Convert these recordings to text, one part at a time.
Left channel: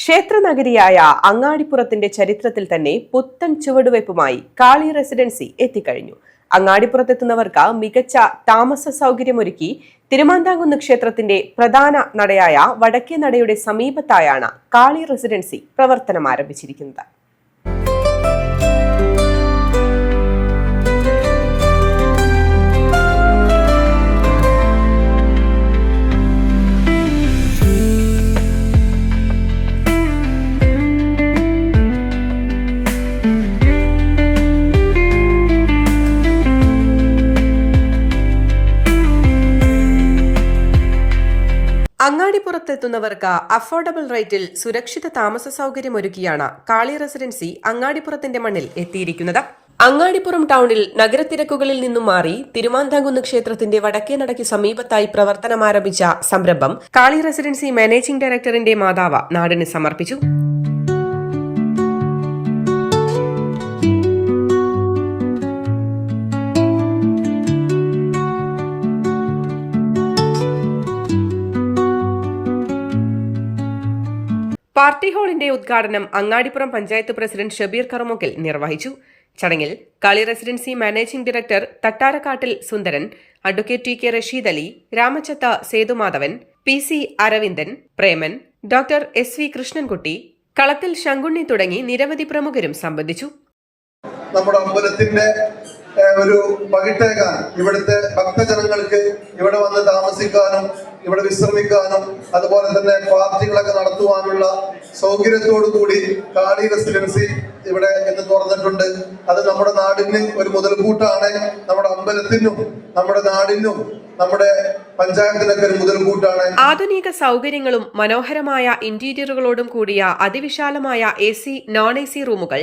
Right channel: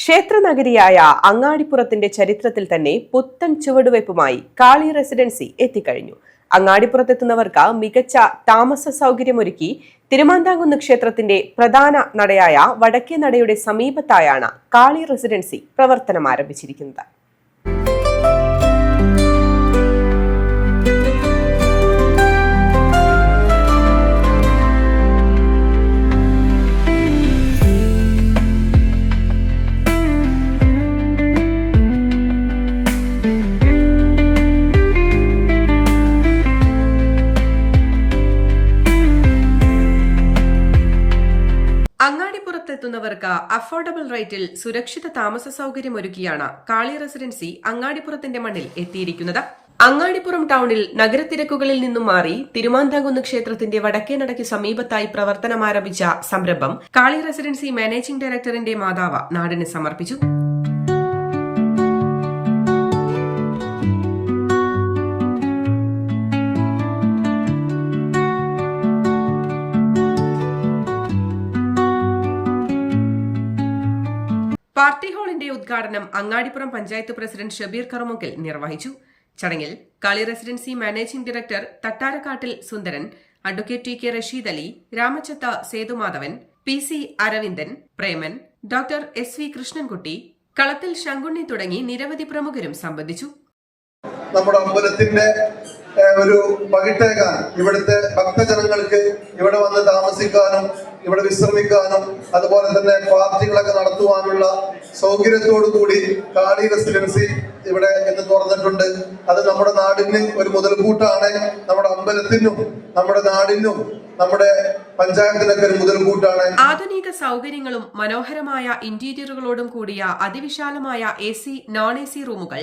ക്ഷേത്രനഗരിയായ അങ്ങാടിപ്പുറത്തിന്റെ ചരിത്രത്തിൽ തന്നെ പുത്തൻ ചുവടുവയ്പുമായി കാളി റെസിഡൻസി എത്തിക്കഴിഞ്ഞു. അങ്ങാടിപ്പുറത്തെത്തുന്നവർക്ക് മികച്ച താമസ സൗകര്യമൊരുക്കി തിരുമാന്താംകുന്ന് ക്ഷേത്രത്തിന്റെ പ്രധാന നടയായ വടക്കേ നടയുടെ സമീപത്തായാണ് കാളി റെസിഡൻസി പ്രവർത്തനം ആരംഭിച്ചിരിക്കുന്നത്. അങ്ങാടിപ്പുറത്തെത്തുന്നവർക്ക് അഫോർഡബിൾ റേറ്റിൽ സുരക്ഷിത താമസ സൗകര്യമൊരുക്കിയാണ് കാളി റെസിഡൻസി അങ്ങാടിപ്പുറത്തിന്റെ മണ്ണിൽ എത്തിയിരിക്കുന്നത്. അങ്ങാടിപ്പുറം ടൗണിൽ നഗരത്തിരക്കുകളിൽ നിന്നും മാറി തിരുമാന്താംകുന്ന് ക്ഷേത്രത്തിന്റെ വടക്കേ നടയ്ക്ക് സമീപത്തായി പ്രവർത്തനമാരംഭിച്ച സംരംഭം കാളി റെസിഡൻസി മാനേജിംഗ് ഡയറക്ടറിന്റെ മാതാവ് നാടിന് സമർപ്പിച്ചു. പാർട്ടി ഹാളിന്റെ ഉദ്ഘാടനം അങ്ങാടിപ്പുറം പഞ്ചായത്ത് പ്രസിഡന്റ് ഷബീർ കറുമുക്കിൽ നിർവഹിച്ചു. ചടങ്ങിൽ Kali residency managing director Thattarakkattil Sundaran, advocate T K Rasheed Ali, Ramachatha Sethumadhavan, P C Aravindan, Preman, doctor S V Krishnankutty, Kalathil Sankunni തുടങ്ങി നിരവധി പ്രമുഖരും സംബന്ധിച്ചു. നമ്മുടെ അമ്പലത്തിന്റെ ഒരു പകിട്ടേകാൻ ഇവിടുത്തെ ഭക്തജനങ്ങൾക്ക് ഇവിടെ വന്ന് താമസിക്കാനും ഇവിടെ വിശ്രമിക്കാനും അതുപോലെ തന്നെ പാർട്ടികളൊക്കെ നടത്തുവാനുള്ള സൗകര്യത്തോടു കൂടി കാളി റെസിഡൻസി ഇവിടെ ഇന്ന് തുറന്നിട്ടുണ്ട്. അത് നമ്മുടെ നാടിന് ഒരു മുതൽക്കൂട്ടാണ്. നമ്മുടെ അമ്പലത്തിനും നമ്മുടെ നാടിനും നമ്മുടെ പഞ്ചായത്തിനൊക്കെ ഒരു മുതൽക്കൂട്ടാണ്. ആധുനിക സൗകര്യങ്ങളും മനോഹരമായ ഇന്റീരിയറുകളോടും കൂടിയ അതിവിശാലമായ AC, നോൺ AC റൂമുകൾ,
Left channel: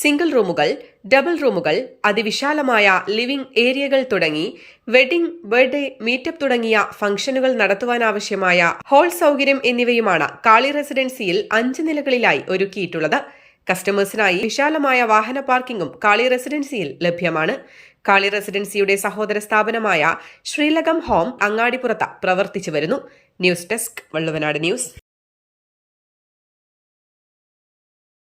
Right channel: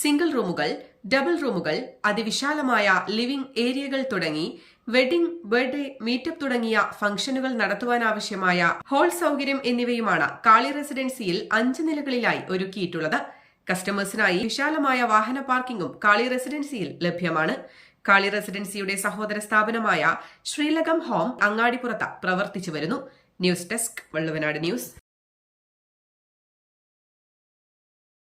സിംഗിൾ റൂമുകൾ, ഡബിൾ റൂമുകൾ, അതിവിശാലമായ ലിവിംഗ് ഏരിയകൾ തുടങ്ങി വെഡിംഗ്, ബർത്ത്ഡേ, മീറ്റപ്പ് തുടങ്ങിയ ഫംഗ്ഷനുകൾ നടത്തുവാനാവശ്യമായ ഹാൾ സൗകര്യം എന്നിവയുമാണ് കാളി റെസിഡൻസിയിൽ 5 നിലകളിലായി ഒരുക്കിയിട്ടുള്ളത്. കസ്റ്റമേഴ്സിനായി വിശാലമായ വാഹന പാർക്കിംഗും കാളി റെസിഡൻസിയിൽ ലഭ്യമാണ്. കാളി റെസിഡൻസിയുടെ സഹോദര സ്ഥാപനമായ ശ്രീലകം ഹോം അങ്ങാടിപ്പുറത്ത് പ്രവർത്തിച്ചു വരുന്നു. News desk, Valluvanad news.